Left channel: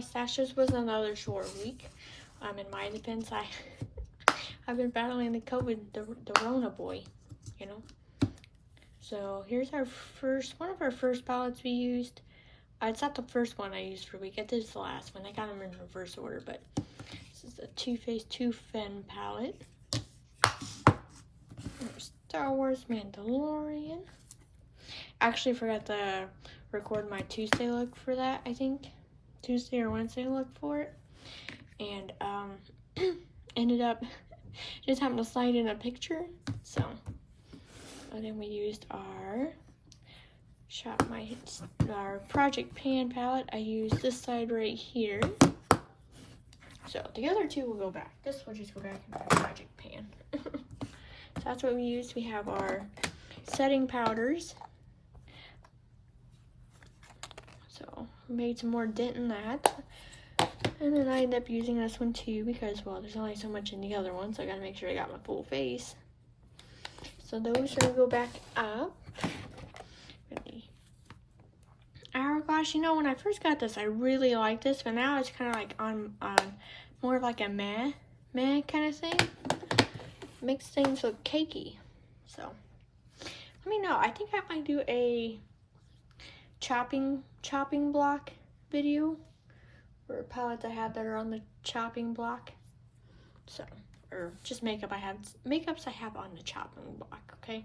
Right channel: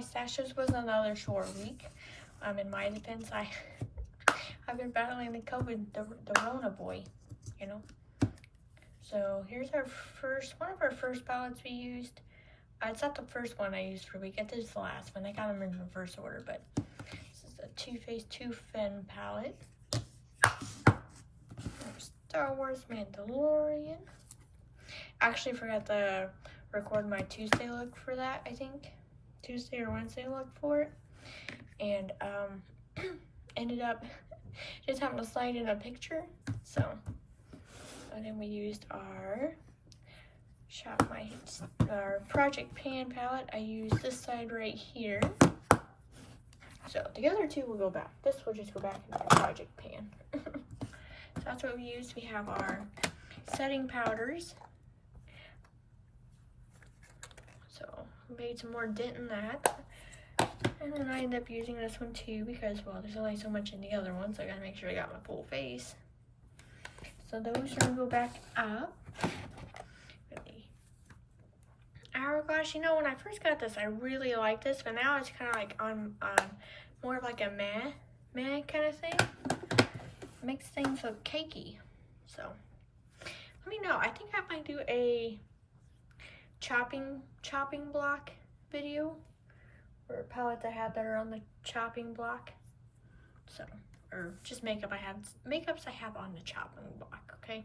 my stash. This was another short week. In my defense, I've been battling the COVID, the Rona boy, you know. So here's our one of our first palettes we used. It's not the first one I used for a week. It is the last one. I got them in reverse order, but this is the Too Faced 2 Fen palette. There's Star Wars Mandalorian. Actually forgot to record my Tuesday look for that, I think. Tuesday or Wednesday look for it. And ended up just having to slide in a picture. So, and then we used our Project Pan palette. I used this side right here. So the other two will go back. This will just go back into the Project Pan. So that's what we used. We have our setting powders. So made some more dent in that. And then I ended up using this one too because, well, there's only so much in the other one, so I gotta make sure I got my full face. So those are gonna go back up. Hourglass, you know, when I first got this, I really liked this, but now it's kind of like on more of like a meh kind of thing. Makes things look cakey. So let me know. I think I might do a chopping block video, or palettes I have that are on the chopping block. So, or just makeups I have on the chopping block. Okay.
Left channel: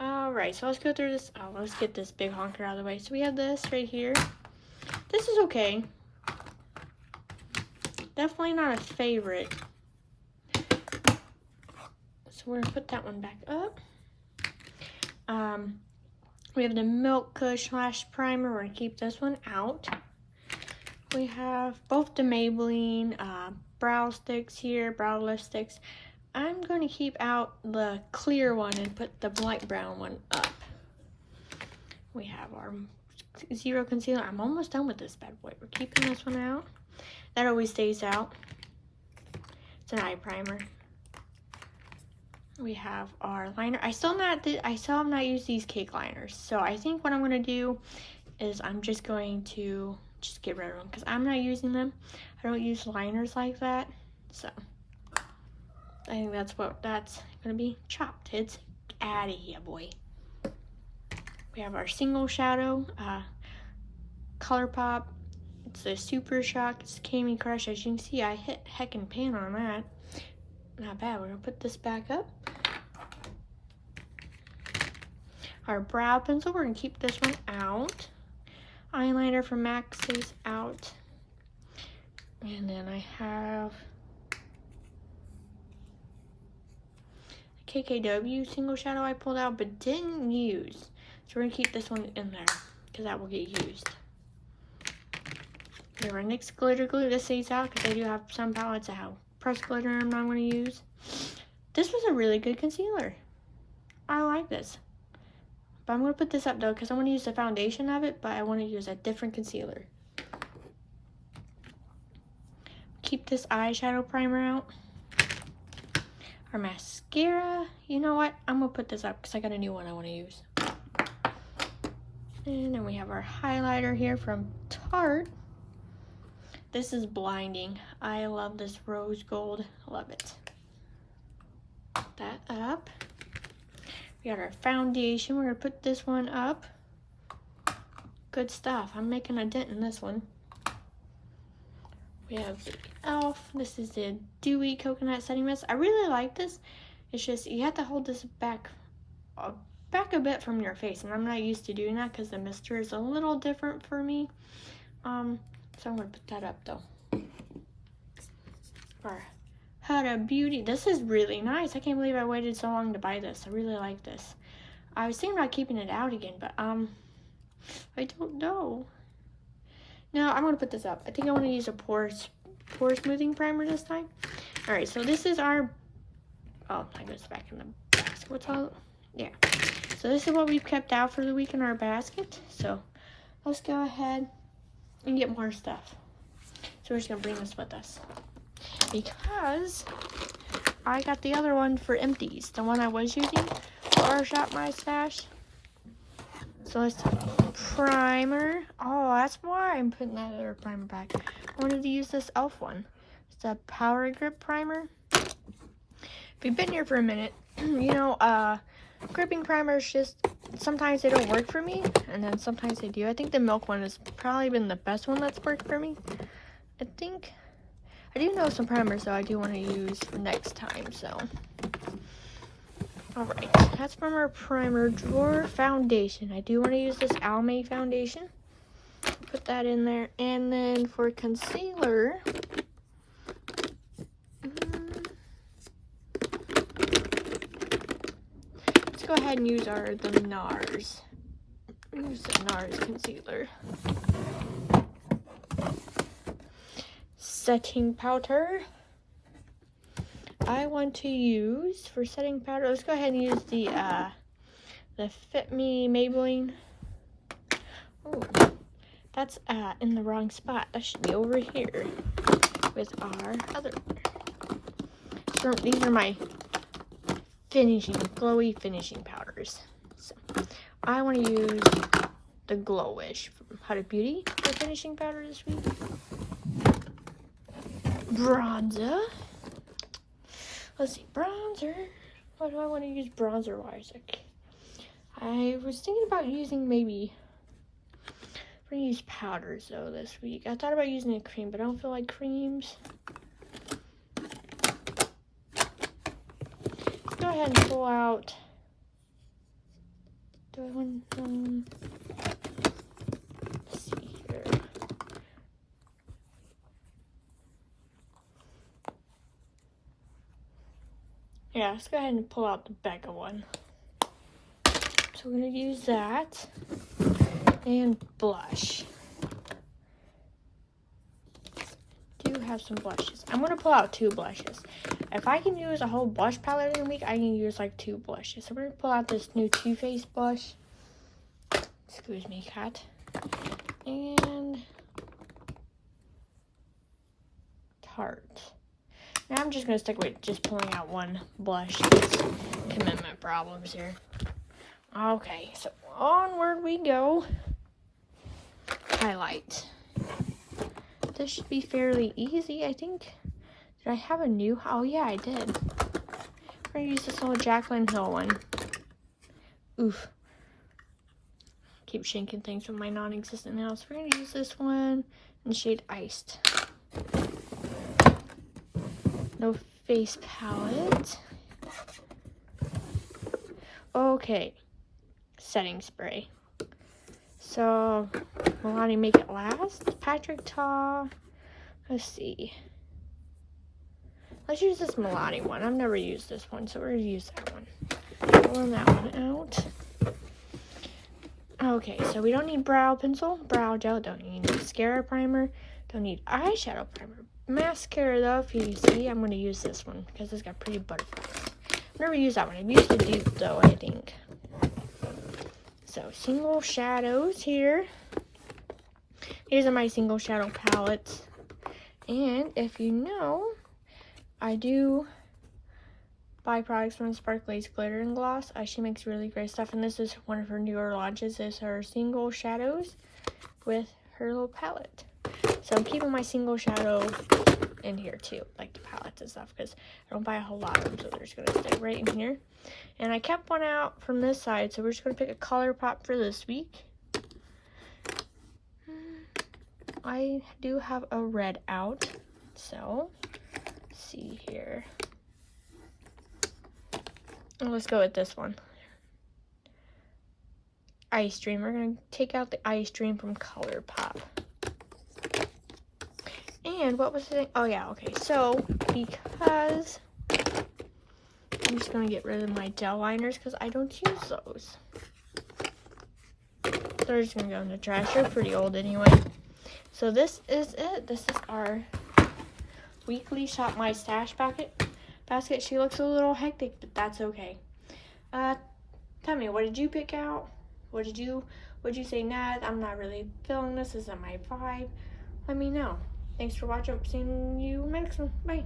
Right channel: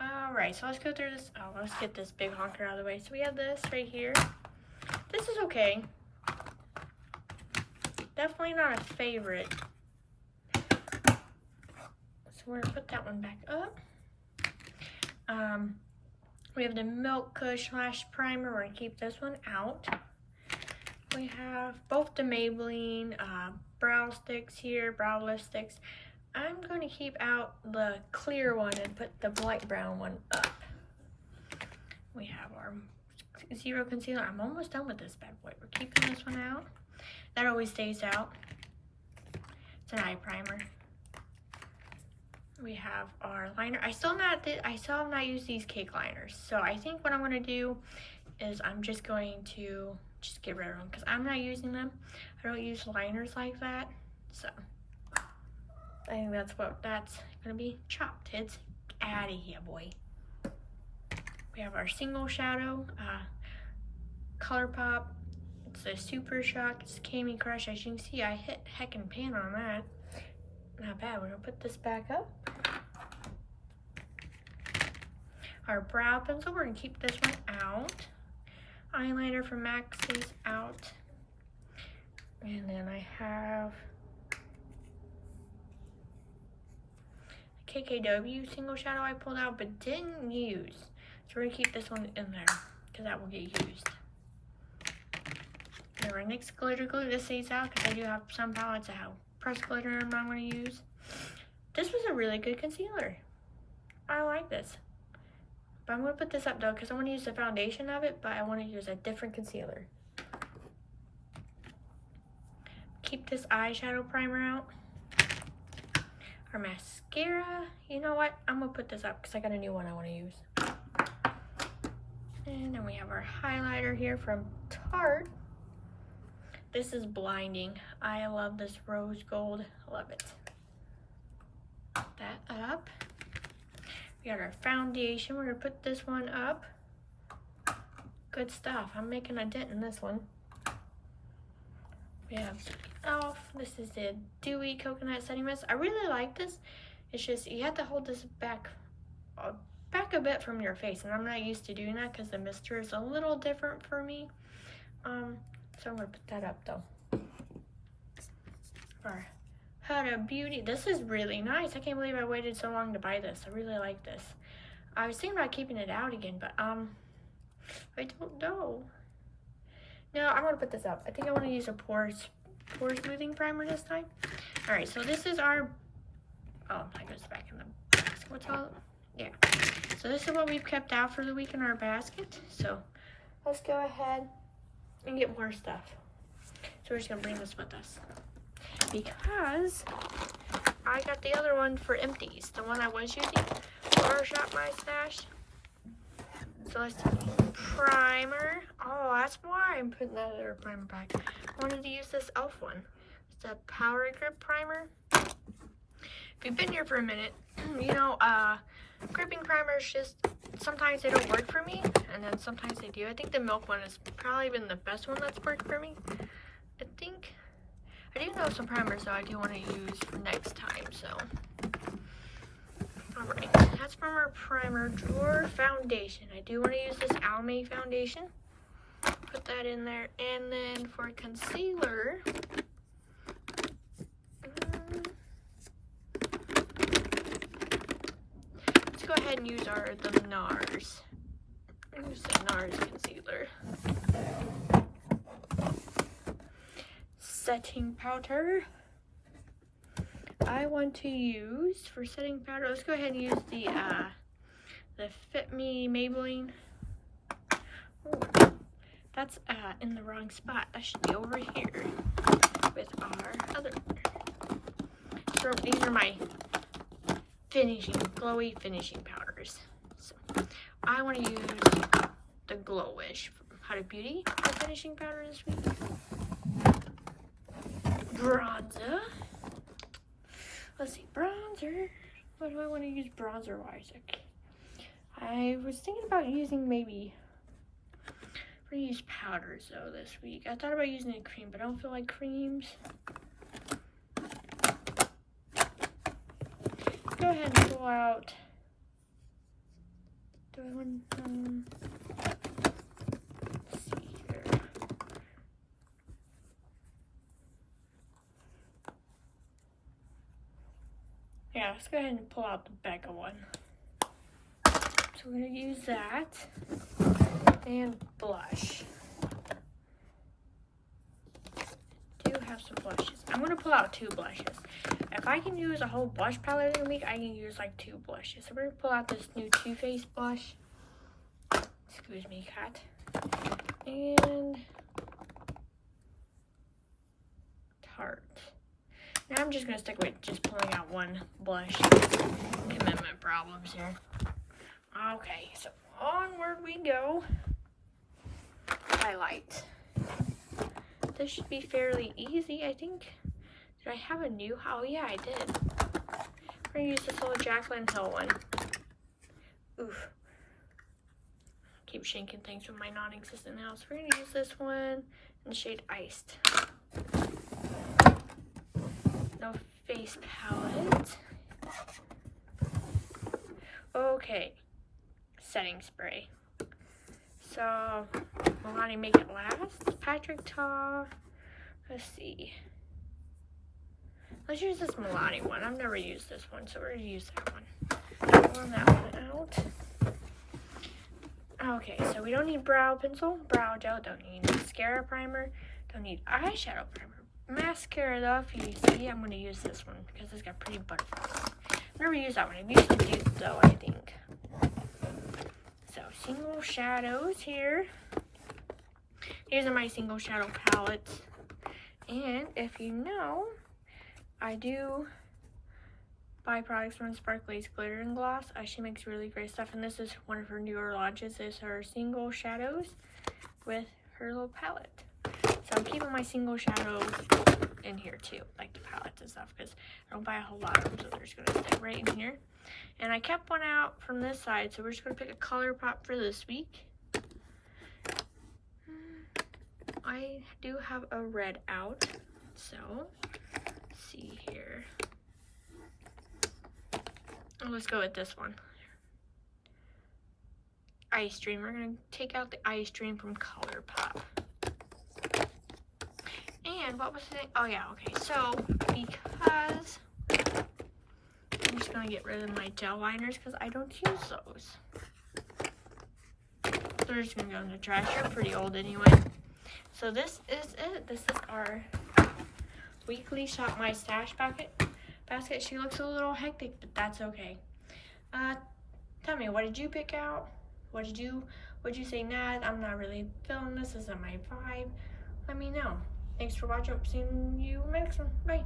All right. So let's go through this. Oh, let's get this big honker out of the way. So we have this right here. This is okay. Definitely not a favorite. So we're gonna put that one back up. We have the Milk Kush Lash Primer. We're gonna keep this one out. We have both the Maybelline brow sticks here, brow lift sticks. I'm going to keep out the clear one and put the light brown one up. We have our Zero Concealer. I'm almost done with this bad boy. We're keeping this one out. That always stays out. It's an eye primer. We have our liner. I still have not used these cake liners. So I think what I'm going to do is I'm just going to get rid of them because I'm not using them. I don't use liners like that. So I think that's going to be chopped. It's out of here, boy. We have our single shadow, ColourPop. It's a Super Shock. It's Candy Crush. As you can see, I hit heckin' pan on that. Not bad. We're going to put this back up. Our brow pencil, we're going to keep this one out. Eyeliner from MAC is out. And then I have KKW single shadow I pulled out but didn't use. So we're going to keep this one in there because that will get used. And our NYX glitter glue, this stays out because I do have some palettes that have pressed glitter I'm not going to use. This was a really good concealer. I like this. But I'm going to put this up though because I want to use the foundation of it, but I want to use a different concealer. Keep this eyeshadow primer out. Our mascara, you know what? I'm going to put this up because I got a new one I want to use. And then we have our highlighter here from Tarte. This is blinding. I love this rose gold. Love it. Put that up. We got our foundation. We're going to put this one up. Good stuff. I'm making a dent in this one. We have the e.l.f. This is the Dewy Coconut Setting Mist. I really like this. It's just, you have to hold this back a bit from your face. And I'm not used to doing that because the mister is a little different for me. So I'm going to put that up though. Our Huda Beauty. This is really nice. I can't believe I waited so long to buy this. I really like this. I was thinking about keeping it out again, but I don't know. No, I'm going to put this up. I think I want to use a pore smoothing primer this time. Alright, so this is our... Oh, I goes back in the basket. What's all... Yeah. So this is what we've kept out for the week in our basket. So let's go ahead and get more stuff. So we're just going to bring this with us. Because I got the other one for empties. The one I was using. Or shop my stash. So let's see. Primer. Oh, that's why I'm putting that other primer back. I wanted to use this e.l.f. one. It's a Power Grip Primer. If you've been here for a minute, you know, gripping primers just, sometimes they don't work for me, and then sometimes they do. I think the milk one has probably been the best one that's worked for me. I think, I do know some primers though I do want to use for next time, so. Alright, that's from our primer drawer. Foundation. I do want to use this Almay foundation. Put that in there. And then for concealer, let's go ahead and use the NARS. Use the NARS concealer. Setting powder. I want to use, for setting powder, let's go ahead and use the Fit Me Maybelline. Ooh, that's in the wrong spot. That should be over here with our other one. So these are my glowy finishing powders. So I want to use the Glowish from Huda Beauty for finishing powder this week. Bronzer. Let's see, bronzer. What do I want to use bronzer-wise? I was thinking about using maybe, we're going to use powders though this week. I thought about using a cream, but I don't feel like creams. Go ahead and pull out, do I want, let's see here. Yeah, let's go ahead and pull out the Becca one. So we're going to use that. And blush. Do have some blushes. I'm going to pull out 2 blushes. If I can use a whole blush palette in a week, I can use like 2 blushes. So we're going to pull out this new Too Faced blush. Excuse me, cat. And Tarte. Now I'm just going to stick with just pulling out 1 blush. Commitment problems here. Okay, so onward we go. Highlight. This should be fairly easy, I think. Did I have a new? Oh yeah, I did. I'm going to use this little Jaclyn Hill one. Oof. Keep shanking things with my non-existent nails. We're going to use this one in the shade Iced. No Face palette. Okay. Setting spray. So, Milani Make It Last. Patrick Ta. Let's see. Let's use this Milani one. I've never used this one, so we're going to use that one. Pull that one out. Okay, so we don't need brow pencil, brow gel, don't need mascara primer, don't need eyeshadow primer. Mascara though, if you see, I'm going to use this one because it's got pretty butterflies. I've never used that one. I've used the dupe though, I think. So, single shadows here. These are my single shadow palettes. And if you know, I do buy products from Sparkly's Glitter and Gloss. She makes really great stuff. And this is one of her newer launches. This is her single shadows with her little palette. So I'm keeping my single shadow in here too, like the palettes and stuff, because I don't buy a whole lot of them, so they're just going to stay right in here. And I kept one out from this side, so we're just going to pick a color pop for this week. I do have a red out, so let's see here. Oh, let's go with this one. Ice Dream. We're going to take out the Ice Dream from ColourPop. And what was the thing? Oh yeah, okay. So, because I'm just going to get rid of my gel liners because I don't use those. They're just going to go in the trash. They're pretty old anyway. So this is it. This is our weekly Shop My Stash basket. She looks a little hectic, but that's okay. Tell me, what did you pick out? Would you say, nah, I'm not really feeling this, isn't my vibe? Let me know. Thanks for watching. Seeing you next one. Bye.